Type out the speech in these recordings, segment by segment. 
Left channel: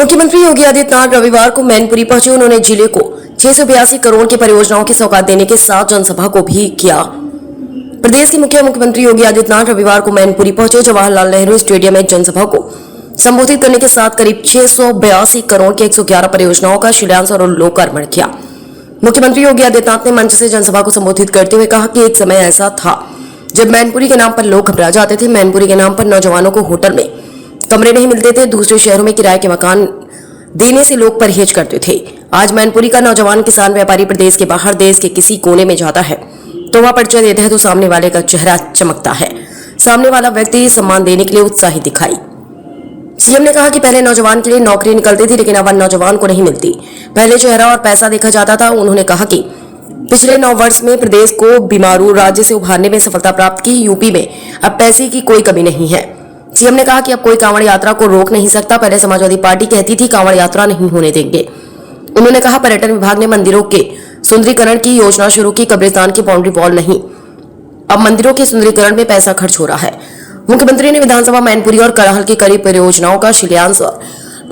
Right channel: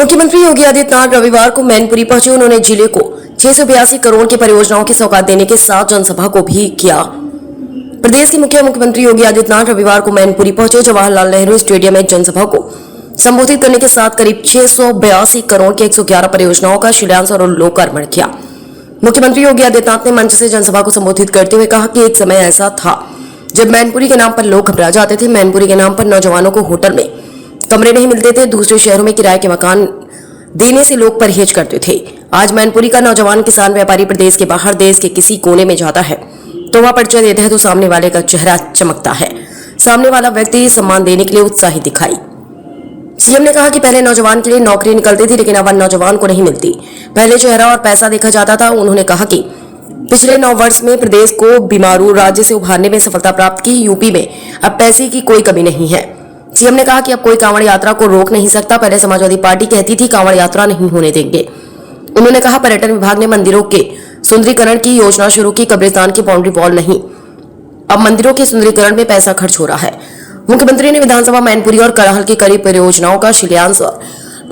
मुख्यमंत्री योगी आदित्यनाथ रविवार को मैनपुरी पहुंचे। उन्होंने जिले को 682 करोड़ की परियोजनाओं की सौगात देने के साथ जनसभा को भी किया। प्रदेश के मुख्यमंत्री योगी आदित्यनाथ रविवार को मैनपुरी पहुंचे। जवाहरलाल नेहरू स्टेडियम में जनसभा को संबोधित करने के साथ करीब 682 करोड़ की 111 परियोजनाओं का शिलान्यास और लोकार्पण किया। मुख्यमंत्री योगी आदित्यनाथ ने मंच से जनसभा को संबोधित करते हुए कहा कि एक समय ऐसा था जब मैनपुरी के नाम पर लोग घबरा जाते थे। मैनपुरी के नाम पर नौजवानों को होटल में कमरे नहीं मिलते थे, दूसरे शहरों में किराए के मकान देने से लोग परहेज करते थे। आज मैनपुरी का नौजवान किसान व्यापारी प्रदेश के बाहर देश के किसी कोने में जाता है तो वह परिचय देता है तो सामने वाले का चेहरा चमकता है, सामने वाला व्यक्ति सम्मान देने के लिए उत्साही दिखाई। सीएम ने कहा कि पहले नौजवान के लिए नौकरी निकलती थी लेकिन अब नौजवान को नहीं मिलती। पहले चेहरा और पैसा देखा जाता था। उन्होंने कहा कि पिछले 9 वर्ष में प्रदेश को बीमारू राज्य से उभारने में सफलता प्राप्त की। यूपी में अब पैसे की कोई कमी नहीं है। सीएम ने कहा कि अब कोई कांवड़ यात्रा को रोक नहीं सकता। पहले समाजवादी पार्टी कहती थी कांवड़ यात्रा नहीं होने देंगे। उन्होंने कहा पर्यटन विभाग ने मंदिरों के सुंदरीकरण की योजना शुरू की, कब्रिस्तान की बाउंड्री वॉल नहीं, अब मंदिरों के सुंदरीकरण में पैसा खर्च हो रहा है। मुख्यमंत्री ने विधानसभा मैनपुरी और करहल की कई परियोजनाओं का शिलान्यास और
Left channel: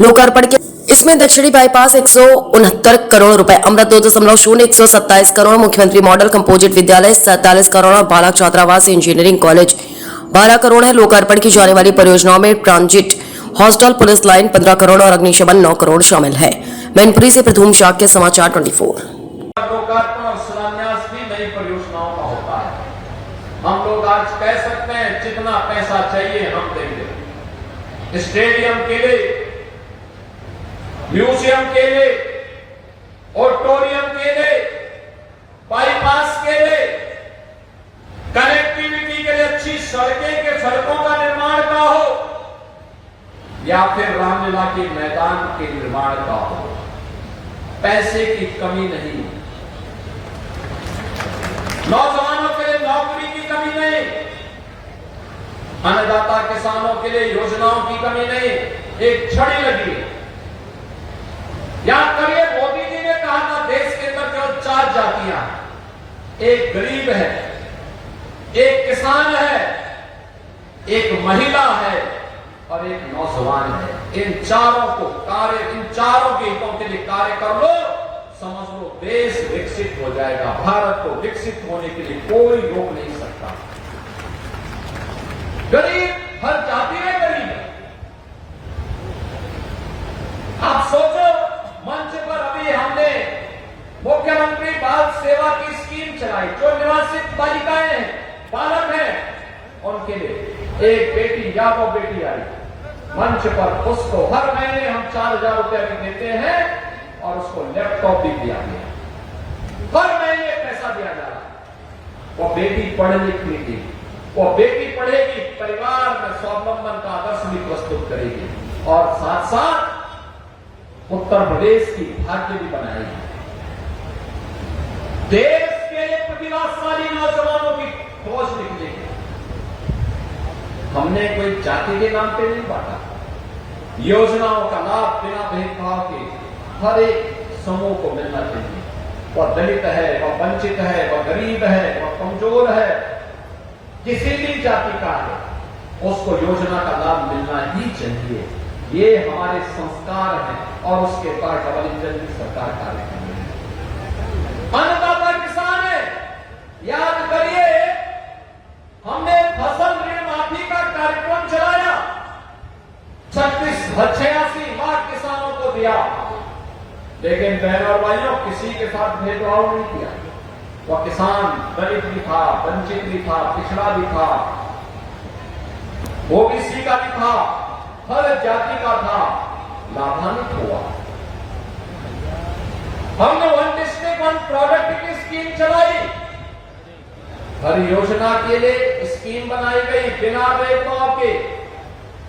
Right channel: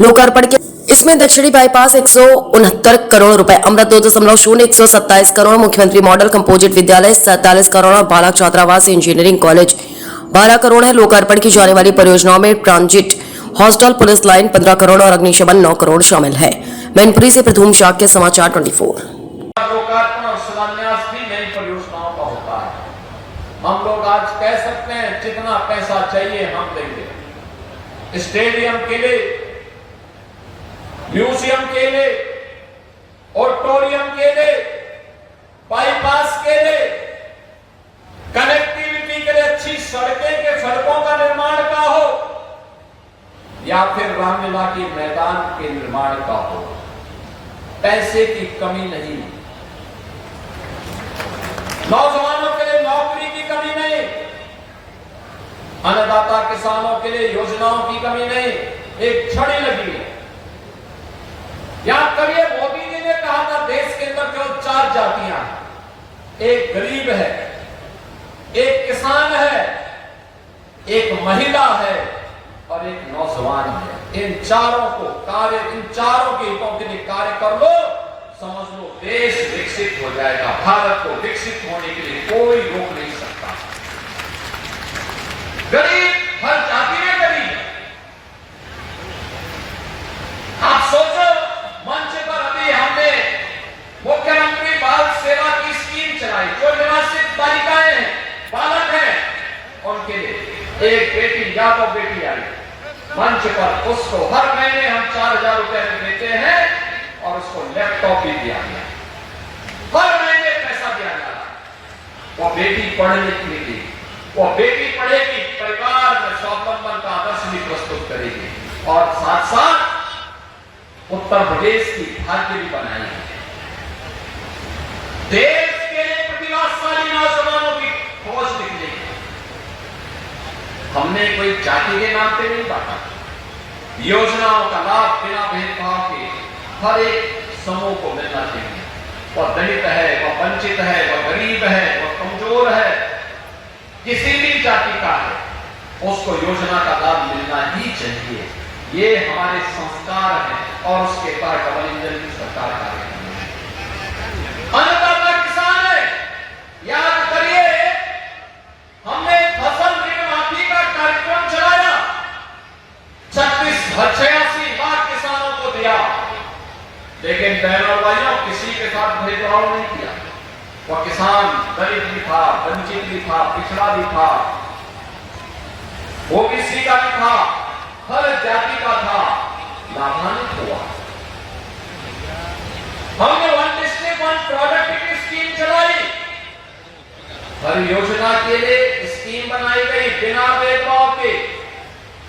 लोकार्पण किया। इसमें दक्षिणी बाईपास 169 करोड़ रुपए, अमृत 2.0 127 करोड़, मुख्यमंत्री मॉडल कंपोजिट विद्यालय 47 करोड़ और बालक छात्रावास इंजीनियरिंग कॉलेज 12 करोड़ है। लोकार्पण की जाने वाली परियोजनाओं में transit hostel, police line 15 crore और अग्निशमन 9 करोड़ शामिल है। मैनपुरी से प्रथम शाक्य समाचार 24। लोकार्पण और शिलान्यास भी नई परियोजनाओं का होता है। हम लोग आज कह सकते हैं जितना पैसा चाहिए हम देंगे, स्टेडियम के लिए, म्यूजियम के लिए, ऑडिटोरियम के लिए, बाईपास के लिए, कनेक्टिविटी के लिए, अच्छी सड़कों का निर्माण का हो या फिर रामलीला के मैदान के निर्माण का हो, पैसे की कमी नहीं। नौजवानों के लिए नौकरी की कमी नहीं, अन्नदाता किसानों के लिए योजनाओं की कमी नहीं। एक छड़ी लगी है। याद करिए मोदी जी ने कहा था देश के अंदर केवल 4 जातियां, एक गरीब है, एक किसान है, एक महिला है और एक नौजवान है। इन चारों के हितों के लिए कार्य कर लो, समझ लो देश विकसित हो जाएगा। भारत को विकसित होने के लिए कोई रोक नहीं सकता। गरीब हर जाति में गरीब है। आप सोचो मंच पर अभी हमने मुख्यमंत्री बाल सेवा की स्कीम चलाई, जो निवासित बालिकाएं हैं, बालक हैं, उनके लिए एक बेटी या 2 बेटी आई मंच पर, उसको हर महीने हम 4000 रुपए देते हैं और उसको लैपटॉप भी दिया गया। हर महीने पैसा दिया जा रहा है। वो बेटी पढ़ने के लिए, वो बेटी पढ़ेगी, परिवार में स्वावलंबन का आदर्श भी प्रस्तुत करेगी और साथ साथ उत्तर प्रदेश की भाग्य भी बनाई है। देश के प्रतिभाशाली नौजवानों की खोज निकलेगी। हमने कोई जाति के नाम पे नहीं बांटा। योजनाओं का लाभ बिना भेदभाव के हर एक समूह को मिलना चाहिए। वह दलित है, वह वंचित है, वह गरीब है, वह कमजोर है, किसी भी जाति का है, उसको योजना का लाभ मिलना ही चाहिए। ये हमारे संस्कार हैं और उसके बाद डबल इंजन की सरकार कार्य करती है। अन्नदाता किसान है। याद करिए हमने फसल ऋण माफी का कार्यक्रम चलाया, 86 लाख किसानों को दिया, लेकिन बहनों और भाइयों किसी के साथ भेदभाव नहीं किया। वह किसान दलित भी था, वंचित भी था, पिछड़ा भी था, ओबीसी का भी था, हर जाति का था, लाभान्वित हुआ। हमने 1 डिस्ट्रिक्ट 1 प्रोडक्ट की स्कीम चलाई। हर योजना के लिए स्कीम बनाई गई बिना भेदभाव के।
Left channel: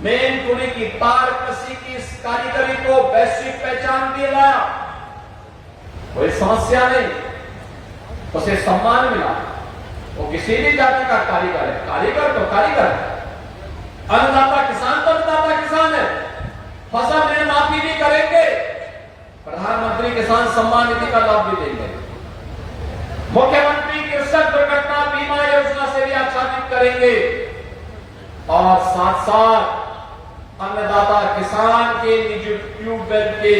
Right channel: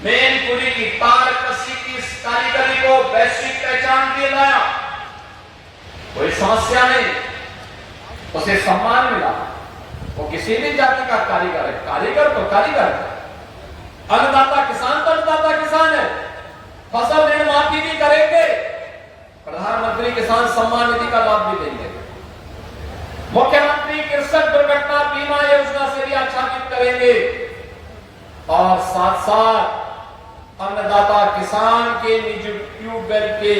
मैनपुरी की तारकसी की इस कारीगरी को वैश्विक पहचान दिलाया। कोई समस्या नहीं, उसे सम्मान मिला। वो किसी भी जाति का कारीगर है, कारीगर तो कारीगर है। अन्नदाता किसान तो अन्नदाता किसान है। फसल ऋण माफी भी करेंगे, प्रधानमंत्री किसान सम्मान निधि का लाभ भी देंगे, मुख्यमंत्री कृषक दुर्घटना बीमा योजना से भी आच्छादित करेंगे और साथ साथ अन्नदाता किसान के निजी ट्यूबवेल के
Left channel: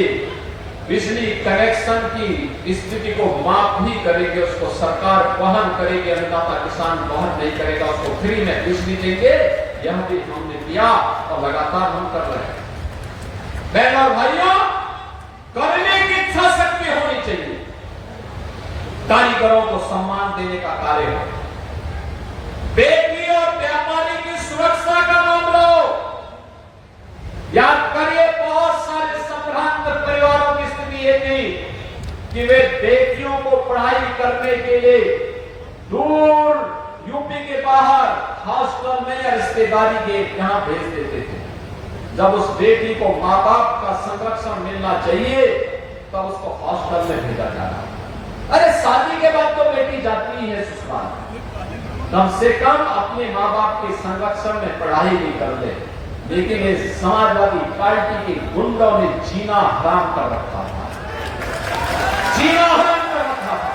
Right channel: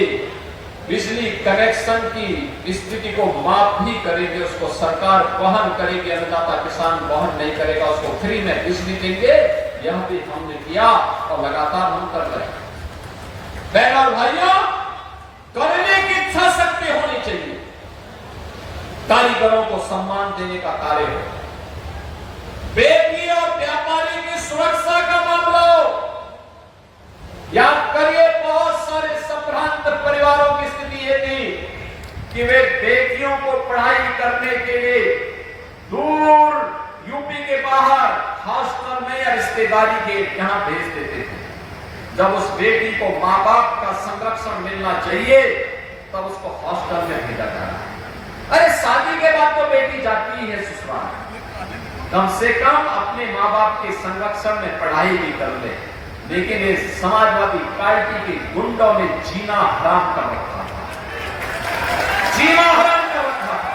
बिजली कनेक्शन की स्थिति को माफ भी करेंगे, उसको सरकार वहन करेगी, अन्नदाता किसान वहन नहीं करेगा, उसको फ्री में बिजली देंगे। यह भी हमने किया और लगातार हम कर रहे हैं। बहनों और भाइयों, करने की इच्छा शक्ति होनी चाहिए। कारीगरों को सम्मान देने का कार्य हो, बेटी और व्यापारी की सुरक्षा का मामला हो। याद करिए, बहुत सारे संभ्रांत परिवारों की स्थिति ये थी कि वे बेटियों को पढ़ाई करने के लिए दूर यूपी के बाहर हॉस्टल में या रिश्तेदारी के यहां भेज देते थे। जब उस बेटी को मां बाप का संरक्षण मिलना चाहिए तब उसको हॉस्टल में भेजा जा रहा है। अरे शादी के बाद तो बेटी जाती ही है ससुराल, कम से कम अपने मां बाप के संरक्षण में पढ़ाई भी कर ले। लेकिन ये समाजवादी पार्टी के गुंडों ने जीना हराम कर रखा था, जीना हराम कर रखा था।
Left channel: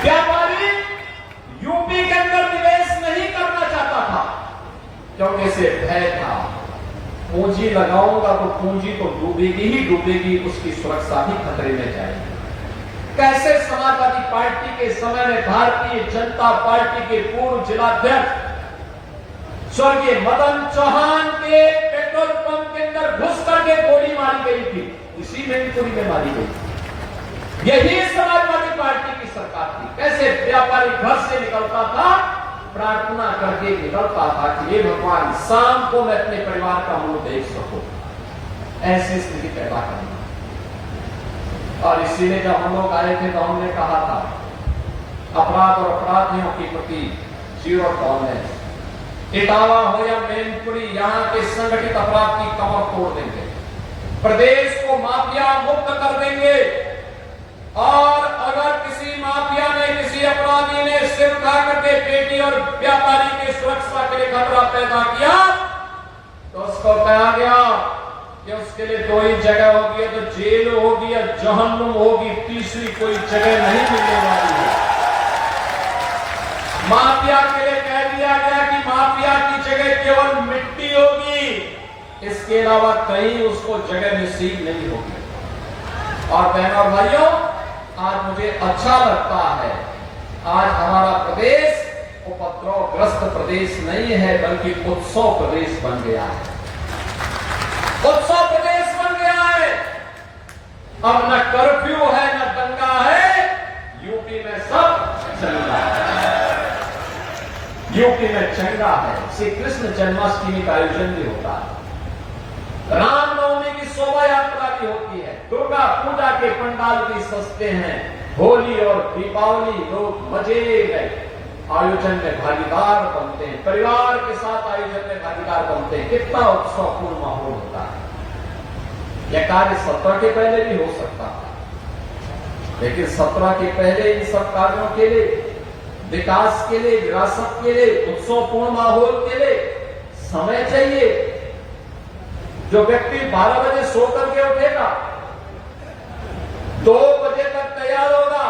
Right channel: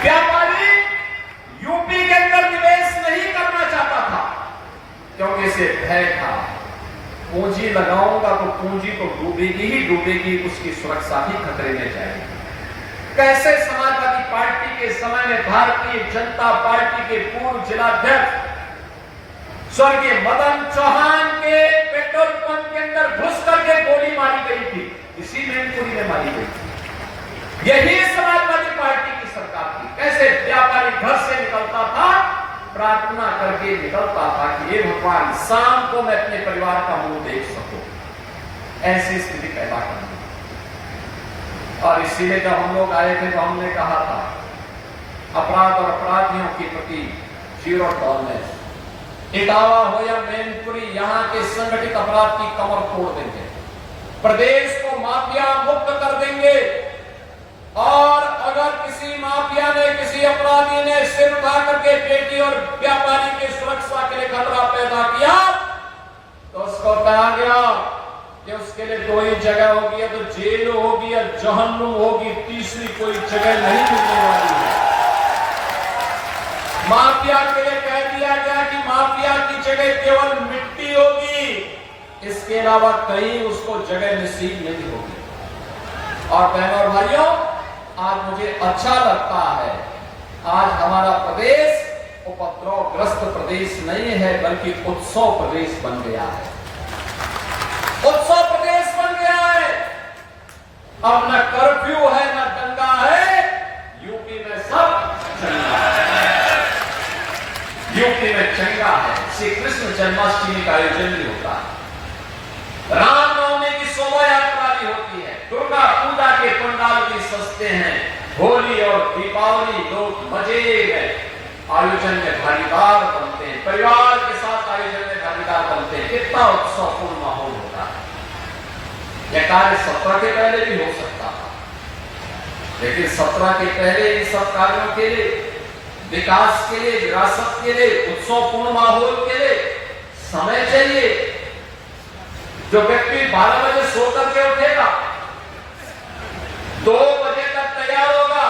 व्यापारी यूपी के अंदर निवेश नहीं करना चाहता था क्योंकि इसे भय था, पूंजी लगाऊंगा तो पूंजी तो डूबेगी ही डूबेगी, उसकी सुरक्षा ही खतरे में जाएगी। कैसे समाजवादी पार्टी के समय में भारतीय जनता पार्टी के पूर्व जिलाध्यक्ष स्वर्गीय मदन चौहान के पेट्रोल पंप के अंदर घुस करके गोली मारी गई थी, इसी मैनपुरी में मारी गई थी। यही समाजवादी पार्टी की सरकार थी। कैसे व्यापारी घर से निकलता था, प्रार्थना करके निकलता था कि हे भगवान, शाम को मैं अपने परिवार का मुंह देख सकूं। ऐसी स्थिति पैदा करनी। और इसीलिए जब हम लोग आए थे तो हमने कहा था अपराध और अपराधियों के प्रति जीरो टॉलरेंस। इटावा हो या मैनपुरी, यहाँ के संगठित अपराध की कमर तोड़ देंगे, प्रदेश को माफिया मुक्त कर देंगे। और अगर किसी माफिया ने, किसी अपराधी ने सिर उठा करके बेटी और व्यापारी की सुरक्षा के लिए खतरा पैदा किया तो उसको कहा गया कि उसके लिए दो ही जगह होगी, तो जेल होगी या जहन्नुम होगी, तीसरी कोई जगह नहीं मिलने वाली है। माफिया के लिए कह दिया गया कि माफिया की जगह केवल मिट्टी होगी, इसके अलावा कहीं उसको जगह नसीब नहीं होगी। और बहनों और भाइयों, आज मुझे अच्छा लगता है, आज हमारा प्रदेश उपद्रवग्रस्त प्रदेश नहीं है बल्कि उत्सव प्रदेश बन गया है। उत्सव प्रदेश बन गया है। अब न कर्फ्यू है न दंगा है, यूपी में सब चंगा है। यूपी में चंगा है। श्री कृष्ण जन्माष्टमी का आयोजन भी होता है, रामनवमी की शोभा यात्रा भी होती है, दुर्गा पूजा के पंडाल भी सजते हैं, होली और दीपावली लोग मजे में आयोजन में भागीदार बनते हैं, परिवार के साथ आयोजन में भागीदार बनते हैं। कितना उत्सवपूर्ण माहौल होता है। यह कार्य 17 के पहले भी हो सकता था, लेकिन 17 के पहले इन सब कार्यों के लिए, विकास के लिए, विरासत के लिए, उत्सवपूर्ण माहौल के लिए समय चाहिए। जो व्यक्ति 12 बजे सो करके उठेगा, 2 बजे तक तैयार होगा,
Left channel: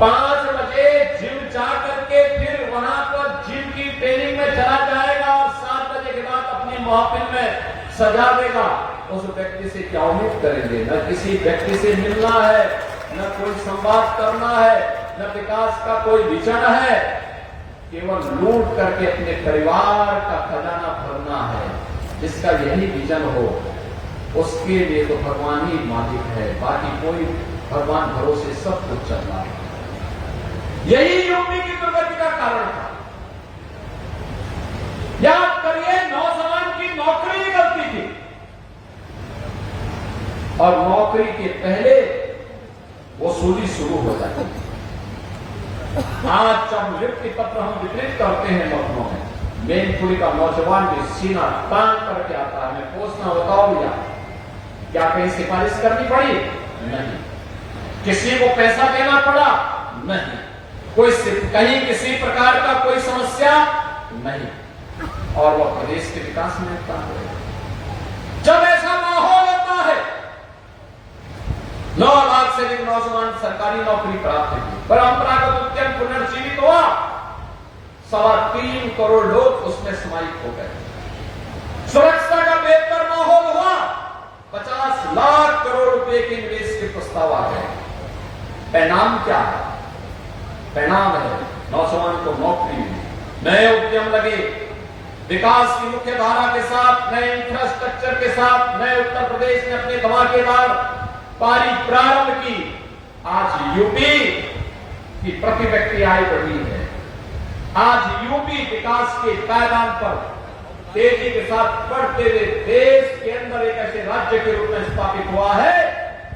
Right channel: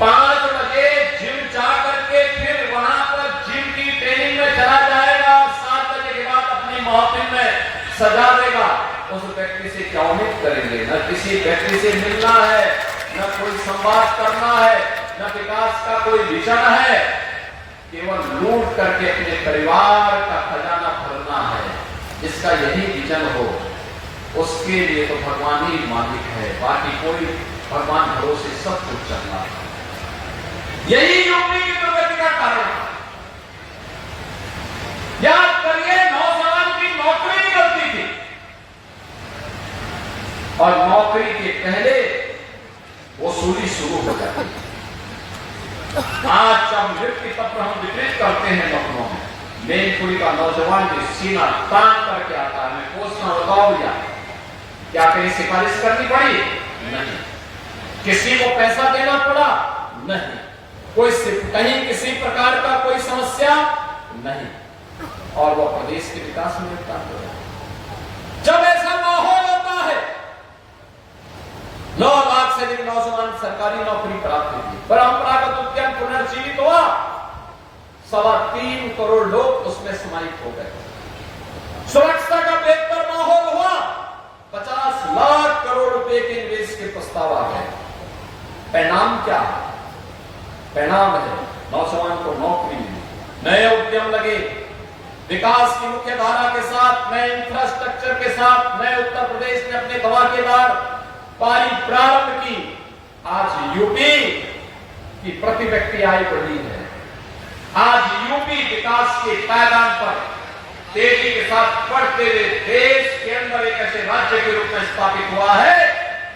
5 बजे जिम जा करके फिर वहां पर जिम की ट्रेनिंग में चला जाएगा, 7 बजे के बाद अपनी महफिल में सजा देगा, उस व्यक्ति से क्या उम्मीद करेंगे? न किसी व्यक्ति से मिलना है, न कोई संवाद करना है, न विकास का कोई विजन है, केवल लूट करके अपने परिवार का खजाना भरना है। जिसका यही विजन हो उसके लिए तो भगवान ही मालिक है, बाकी कोई भगवान भरोसे सब कुछ चल रहा है। यही यूपी की प्रगति का कारण है। याद करिए, नौजवान की नौकरी निकलती थी और नौकरी के पहले वसूली शुरू हो जाती है। आज जब नियुक्ति पत्र हम वितरित करते हैं लखनऊ में, मैनपुरी का नौजवान भी सीना तान करके आता है, मैं पूछना बताओ भैया, क्या कहीं सिफारिश करनी पड़ी? नहीं। किसी को पैसा देना पड़ा? नहीं। कोई कहीं किसी प्रकार का कोई समस्या नहीं, और वह प्रदेश के विकास में होता है। जब ऐसा माहौल होता है, 9 लाख से अधिक नौजवान सरकारी नौकरी प्राप्त की, परंपरागत उद्यम पुनर्जीवित हुआ, 3.25 करोड़ लोग उसमें समाहित हो गए। सुरक्षा का बेहतर माहौल हुआ, 50 लाख करोड़ रुपए के निवेश के प्रस्ताव आ गए। परिणाम क्या है? परिणाम है नौजवान को नौकरी मिली, नए उद्यम लगे, विकास की मुख्य धारा के साथ, नए इंफ्रास्ट्रक्चर के साथ नए उत्तर प्रदेश ने अपने धमाकेदार पारी प्रारंभ की। आज यूपी की प्रति व्यक्ति आय बढ़ी है। आज यूपी विकास के पायदान पर तेजी के साथ बढ़ते हुए देश के अंदर एक ऐसे राज्य के रूप में स्थापित हुआ है।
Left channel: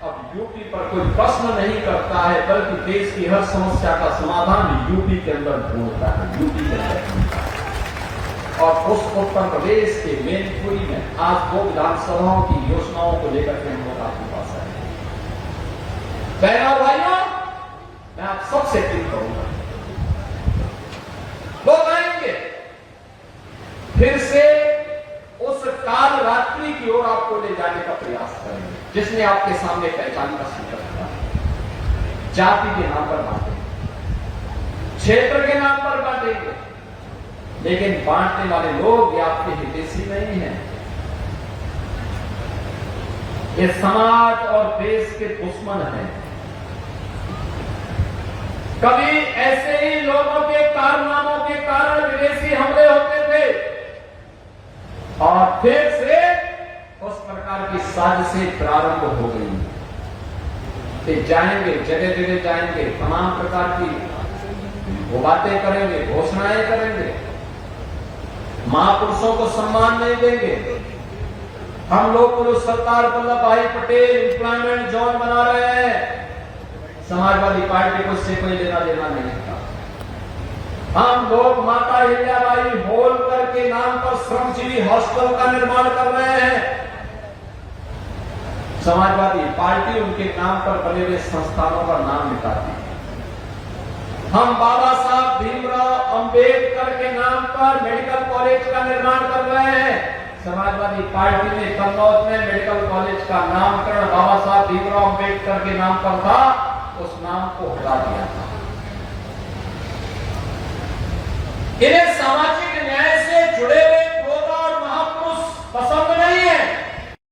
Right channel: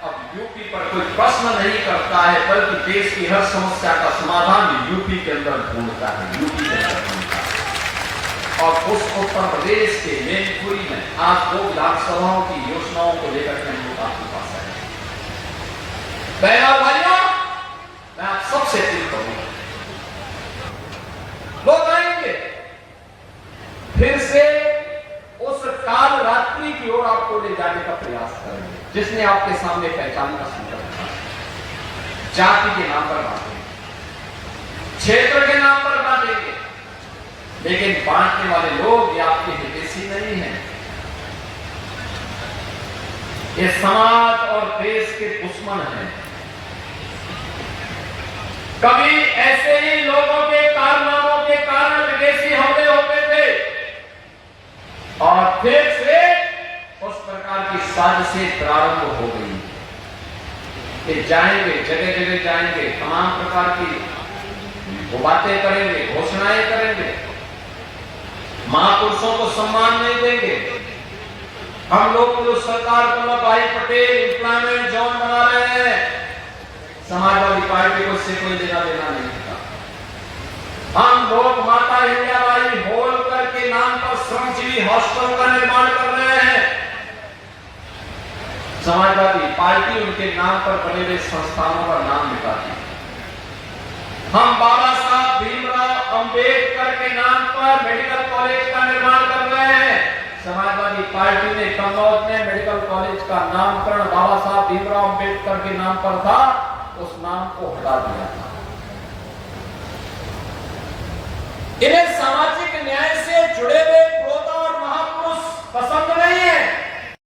अब यूपी पर कोई प्रश्न नहीं करता है, बल्कि देश की हर समस्या का समाधान यूपी के अंदर ढूंढता है, यूपी के अंदर ढूंढता है। और उस उत्तर प्रदेश के मैनपुरी में आज 2 विधानसभाओं की योजनाओं को लेकर के हम लोग आपके पास आए। पहला भाइयों, मैं आप सबसे अपील करूंगा, लोग जाएंगे फिर से उस काल रात्रि की ओर आपको ले जाने का प्रयास करेंगे जिसने आपके सामने पहचान का संकट था। जाति के नाम पर बांटेंगे, क्षेत्र के नाम पर बांटेंगे, लेकिन बांटने वाले लोग ये आपके हितैषी नहीं हैं। ये समाज और देश के दुश्मन हैं। कभी ऐसे ही लोगों के कारनामों के कारण विदेशी हमले होते थे और फिर से उस प्रकार की साजिशें प्रारंभ हो गई कि जाएंगे, जगह जगह जाएंगे, तमाम प्रकार की वो बातें करेंगे, घोषणाएं करेंगे, महापुरुषों को सम्मान नहीं देंगे। हम लोग तो सरकार वल्लभ भाई पटेल एम्प्लॉयमेंट जोन बना रहे हैं, समाजवादी पार्टी को इससे कोई लेना देना नहीं था। हम लोग माता अहिल्याबाई होलकर के नाम पर श्रमजीवी हॉस्टल का निर्माण कर रहे हैं। समाजवादी पार्टी उनके नाम पर बने हुए संस्थानों का नाम मिटाती है। हम बाबा साहब भीमराव अंबेडकर के नाम पर मेडिकल कॉलेज का निर्माण कर रहे हैं। समाजवादी पार्टी ने कन्नौज में मेडिकल कॉलेज का नामकरण बाबा साहब भीमराव अंबेडकर के नाम पर था, उस नाम को हटा दिया था। इन्हें सामाजिक न्याय से जुड़े